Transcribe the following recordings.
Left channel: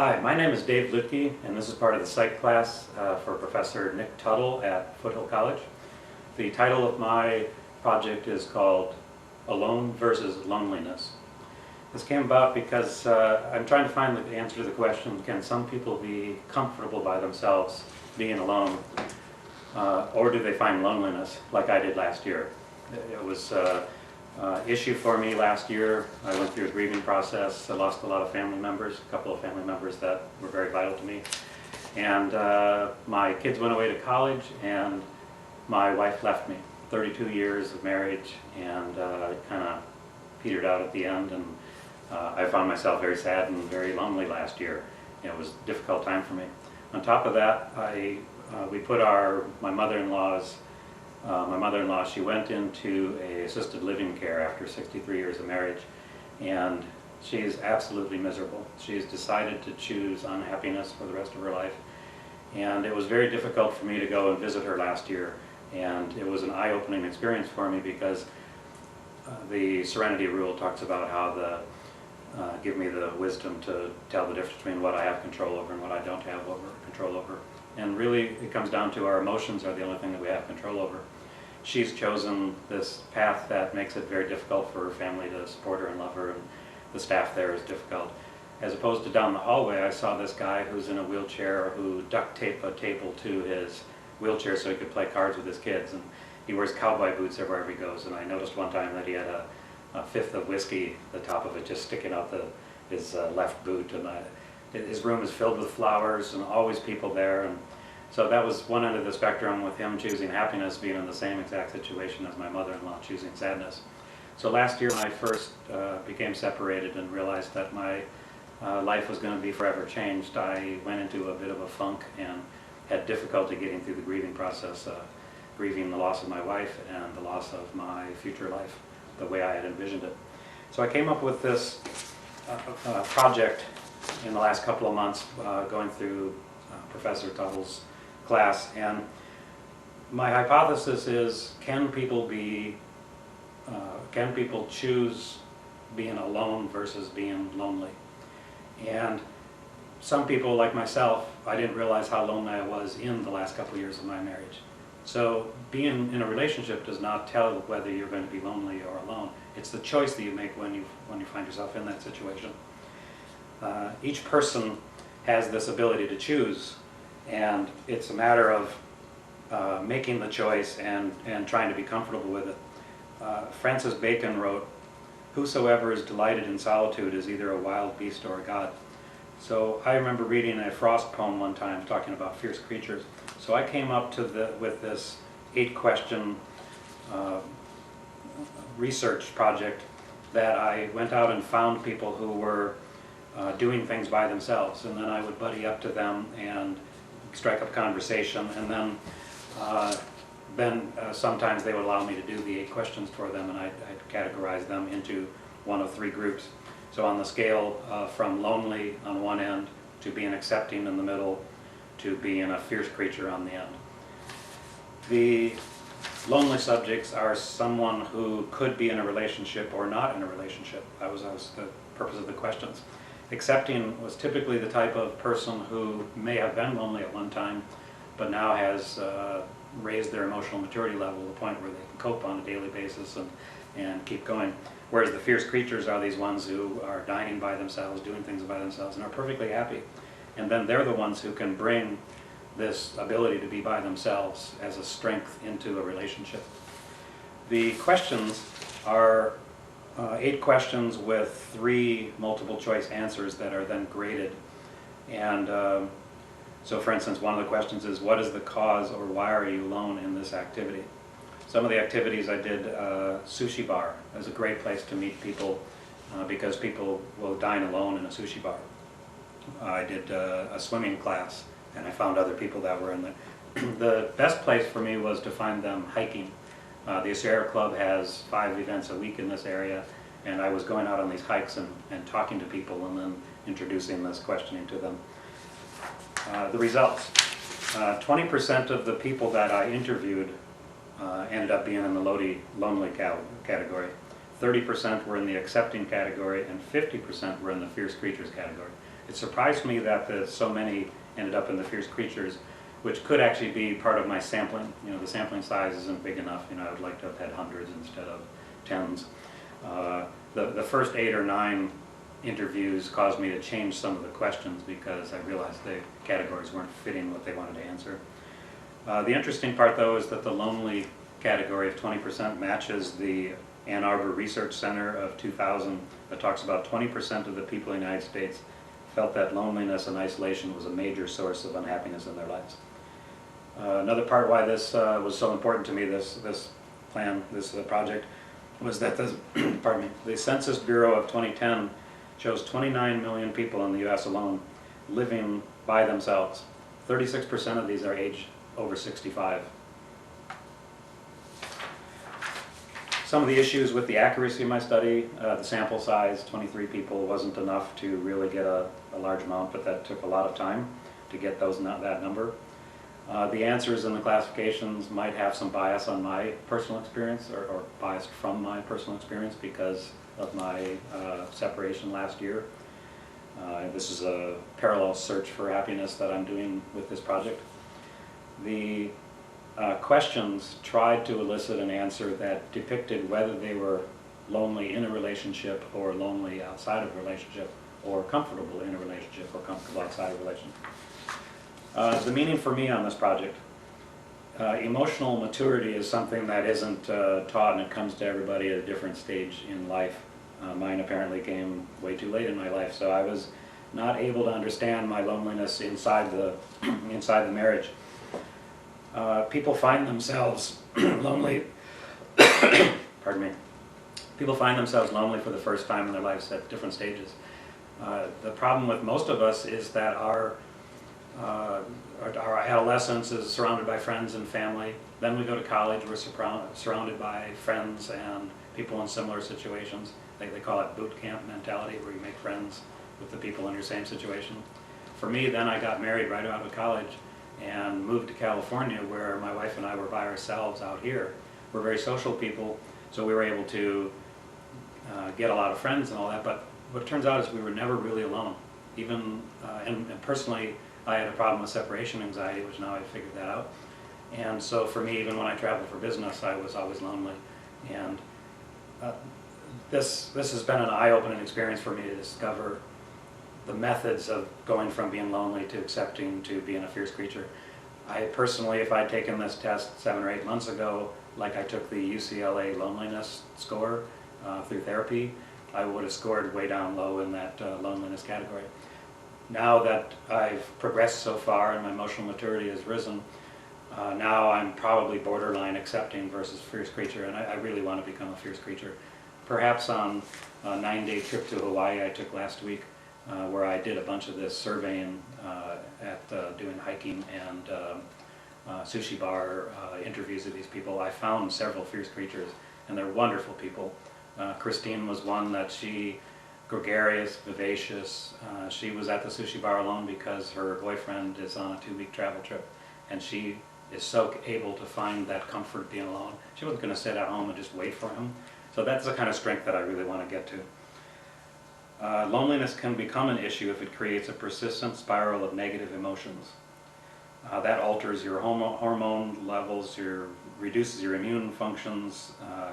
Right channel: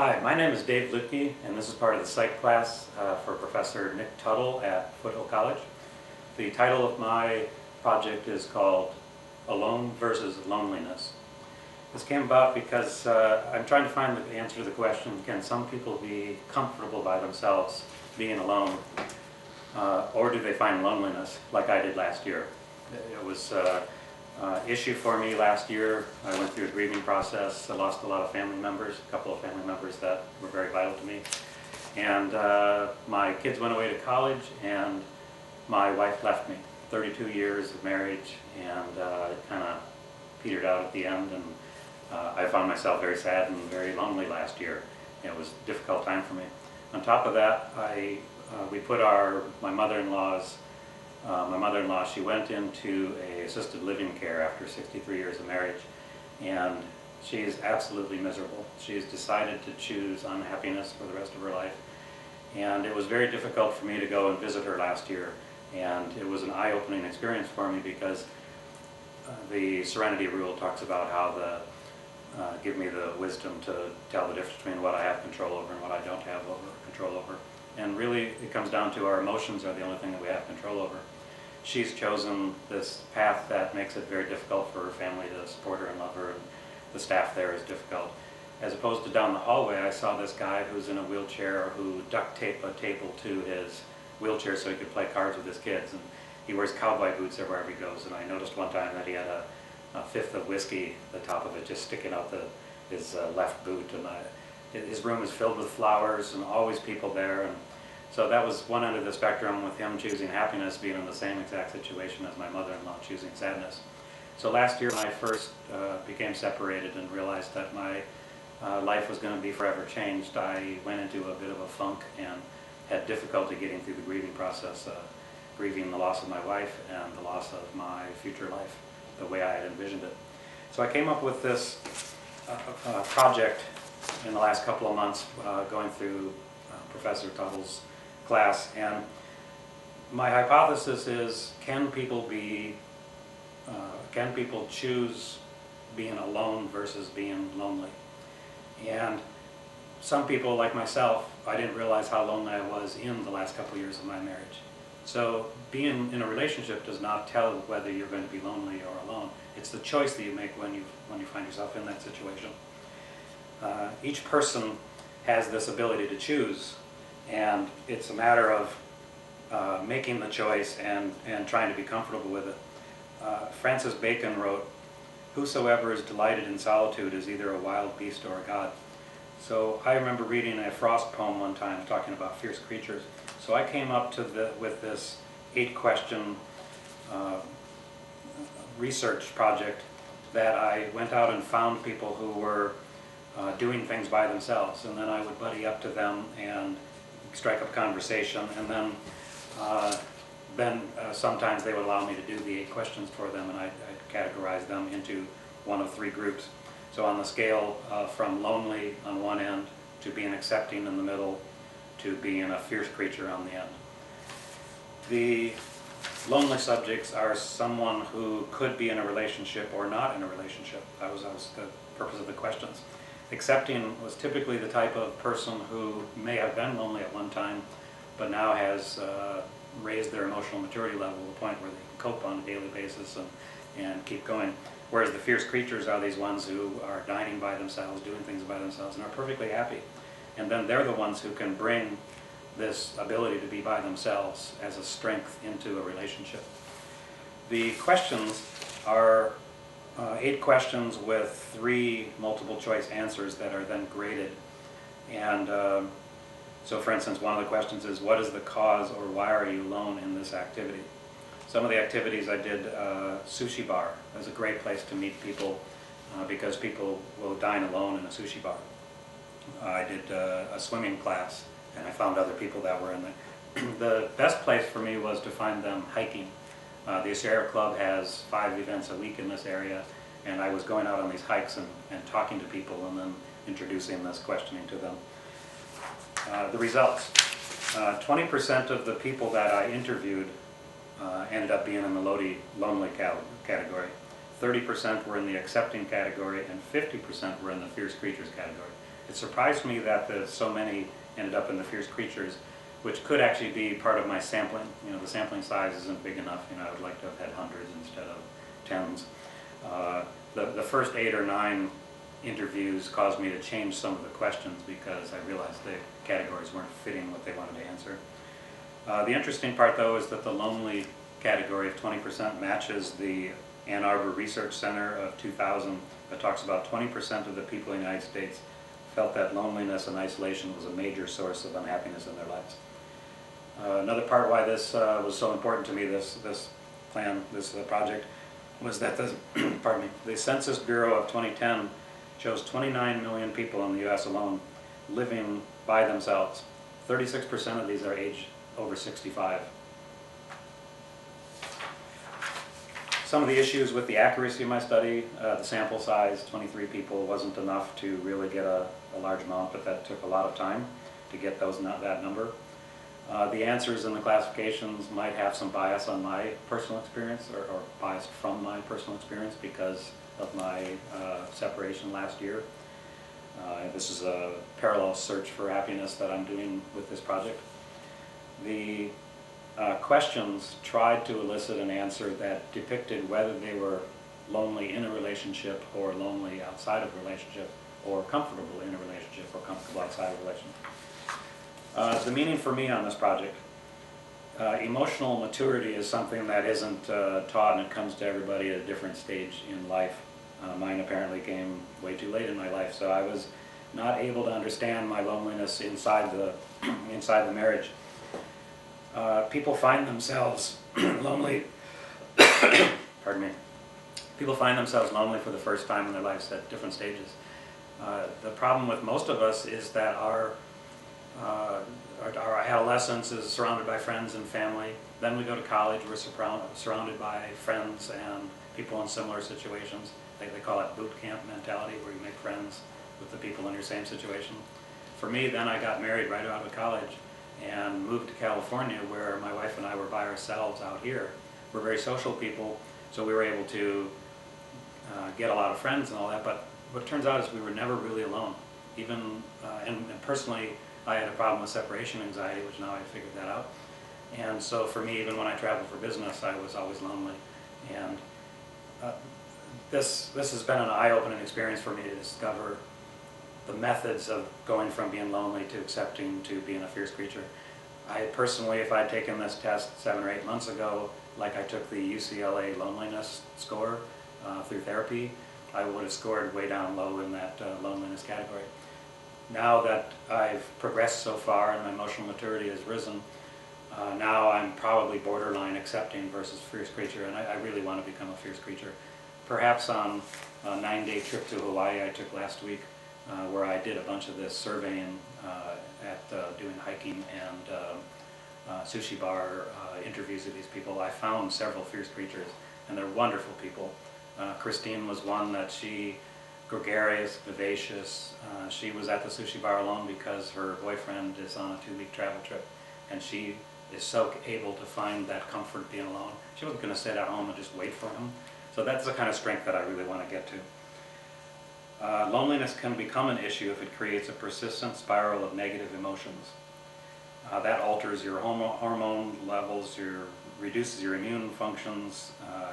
Hi, my name is Dave Luedtke, and this is part of the Psych class for Professor Nick Tuttle at Foothill College. The title of my project is called Alone versus Loneliness. This came about because I'm trying to find the answer to the question, can some people be comfortable by themselves being alone, or do they find loneliness like I did last year? It was issue for me last year. I went through a grieving process. I lost a lot of family members, a couple of family members that were very vital to me. And my kids went away to college and my wife left me. 32 years of marriage, and it kind of petered out at the end, and I found myself very sad and very lonely last year. It was a difficult time for me. On top of that, we put my mother-in-law, she went into a assisted living care after 63 years of marriage, and she's absolutely miserable. She's decided to choose unhappiness for the rest of her life, and it was very difficult for me to go and visit her last year, and it was an eye-opening experience for me because the Serenity Rule talks about how give me the wisdom to tell the difference between what I have control over and what I don't have control over. And really, it comes down to our emotions are the only thing that we have control over. She's chosen this path that makes it very difficult for her family to support her and love her, and the staff there is difficult. As opposed to down the hallway, I saw this guy who's in a wheelchair who duct taped a table to his wheelchair so he could play cards with his kids, and he wears cowboy boots everywhere he goes. And I noticed one time that he had a fifth of whiskey, the top of it just sticking out his left boot, and his room is filled with flowers and always people there. And so that was one end of the spectrum, with him choosing happiness, being in the same exact situation as my mother-in-law choosing sadness. So last year when I first became separated and realized that my life was going to be forever changed, I went into a bit of a funk and had difficulty getting through the grieving process, grieving the loss of my wife and the loss of my future life the way I had envisioned it. So I came up with this project in the last couple of months, going through Professor Tuttle's class, and my hypothesis is, can people choose being alone versus being lonely? And some people, like myself, I didn't realize how lonely I was in the last couple of years of my marriage. So being in a relationship does not tell whether you're going to be lonely or alone. It's the choice that you make when you find yourself in that situation. Each person has this ability to choose, and it's a matter of making the choice and trying to be comfortable with it. Francis Bacon wrote, "Whosoever is delighted in solitude is either a wild beast or a god." So I remember reading a Frost poem one time talking about fierce creatures. So I came up with this 8-question research project that I went out and found people who were doing things by themselves, and then I would buddy up to them and strike up conversation, and then sometimes they would allow me to do the 8 questions for them, and I'd categorize them into one of 3 groups. So on the scale from lonely on one end to being accepting in the middle to being a fierce creature on the end. The lonely subjects are someone who could be in a relationship or not in a relationship. That was the purpose of the questions. Accepting was typically the type of person who may have been lonely at one time, but now has raised their emotional maturity level to the point where they can cope on a daily basis and keep going. Whereas the fierce creatures are these ones who are dining by themselves, doing things by themselves, and are perfectly happy. And then they're the ones who can bring this ability to be by themselves as a strength into a relationship. The questions are 8 questions with 3 multiple choice answers that are then graded. And so for instance, one of the questions is, what is the cause, or why are you alone in this activity? Some of the activities I did, sushi bar is a great place to meet people because people will dine alone in a sushi bar. I did a swimming class, and I found other people that were in there. The best place for me was to find them hiking. The Sierra Club has 5 events a week in this area, and I was going out on these hikes and talking to people and then introducing this questioning to them. The results. 20% of the people that I interviewed ended up being in the lonely category. 30% were in the accepting category, and 50% were in the fierce creatures category. It surprised me that so many ended up in the fierce creatures, which could actually be part of my sampling. You know, the sampling size isn't big enough. You know, I would like to have had hundreds instead of tens. The first 8 or 9 interviews caused me to change some of the questions because I realized the categories weren't fitting what they wanted to answer. The interesting part, though, is that the lonely category of 20% matches the Ann Arbor Research Center of 2000 that talks about 20% of the people in the United States felt that loneliness and isolation was a major source of unhappiness in their lives. Another part why this was so important to me, this project, was that the Census Bureau of 2010 shows 29 million people in the U.S. alone living by themselves. 36% of these are aged over 65. Some of the issues with the accuracy of my study, the sample size, 23 people, wasn't enough to really get a large amount, but that took a lot of time to get that number. The answers and the classifications might have some bias on my personal experience, or biased from my personal experience because of my separation last year. This is a parallel search for happiness that I'm doing with this project. The questions tried to elicit an answer that depicted whether they were lonely in a relationship or lonely outside of a relationship, or comfortable in a relationship or comfortable outside of a relationship. The meaning for me on this project, emotional maturity is something that isn't taught, and it comes to everybody at a different stage in life. Mine apparently came way too late in my life, so I was not able to understand my loneliness inside the marriage. People find themselves lonely. Pardon me. People find themselves lonely for the first time in their lives at different stages. The problem with most of us is that our adolescence is surrounded by friends and family. Then we go to college, we're surrounded by friends and people in similar situations. They call it boot camp mentality, where you make friends with the people in your same situation. For me, then I got married right out of college and moved to California, where my wife and I were by ourselves out here. We're very social people, so we were able to get a lot of friends and all that, but what it turns out is we were never really alone. Even, and personally, I had a problem with separation anxiety, which now I've figured that out. And so for me, even when I traveled for business, I was always lonely. And this has been an eye-opening experience for me to discover the methods of going from being lonely to accepting to being a fierce creature. I personally, if I'd taken this test 7 or 8 months ago, like I took the UCLA loneliness score through therapy, I would have scored way down low in that loneliness category. Now that I've progressed so far and my emotional maturity has risen, now I'm probably borderline accepting versus fierce creature, and I really want to become a fierce creature. Perhaps on a 9-day trip to Hawaii I took last week, where I did a bunch of this surveying doing hiking and sushi bar interviews of these people. I found several fierce creatures, and they're wonderful people. Christine was one that gregarious, vivacious. She was at the sushi bar alone because her boyfriend is on a 2-week travel trip, and she is so able to find that comfort being alone. She wasn't going to sit at home and just wait for him. So that's the kind of strength that I really want to get to. Loneliness can become an issue if it creates a persistent spiral of negative emotions. That alters your hormone levels, reduces your immune functions,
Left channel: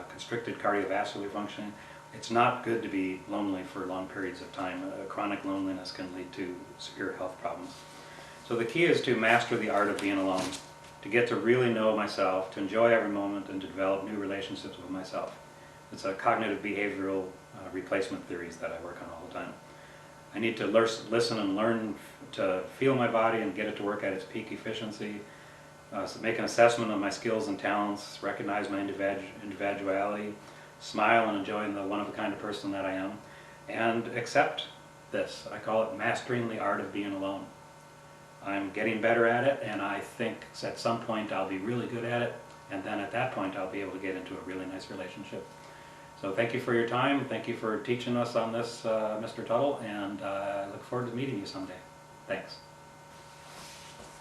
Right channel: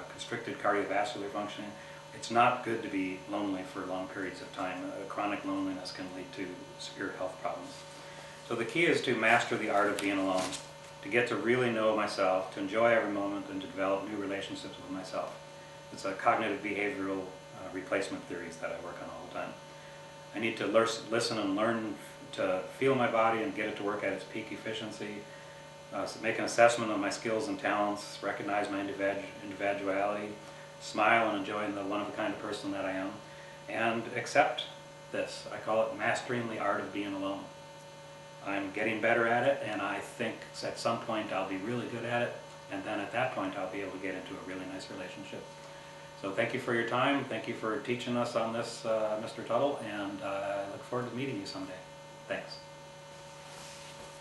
constricted cardiovascular functioning. It's not good to be lonely for long periods of time. Chronic loneliness can lead to severe health problems. So the key is to master the art of being alone, to get to really know myself, to enjoy every moment, and to develop new relationships with myself. It's a cognitive behavioral replacement theories that I work on all the time. I need to listen and learn to feel my body and get it to work at its peak efficiency, so make an assessment of my skills and talents, recognize my individuality, smile and enjoy the one-of-a-kind person that I am, and accept this. I call it mastering the art of being alone. I'm getting better at it, and I think at some point I'll be really good at it, and then at that point I'll be able to get into a really nice relationship. So thank you for your time. Thank you for teaching us on this, Mr. Tuttle, and I look forward to meeting you someday. Thanks.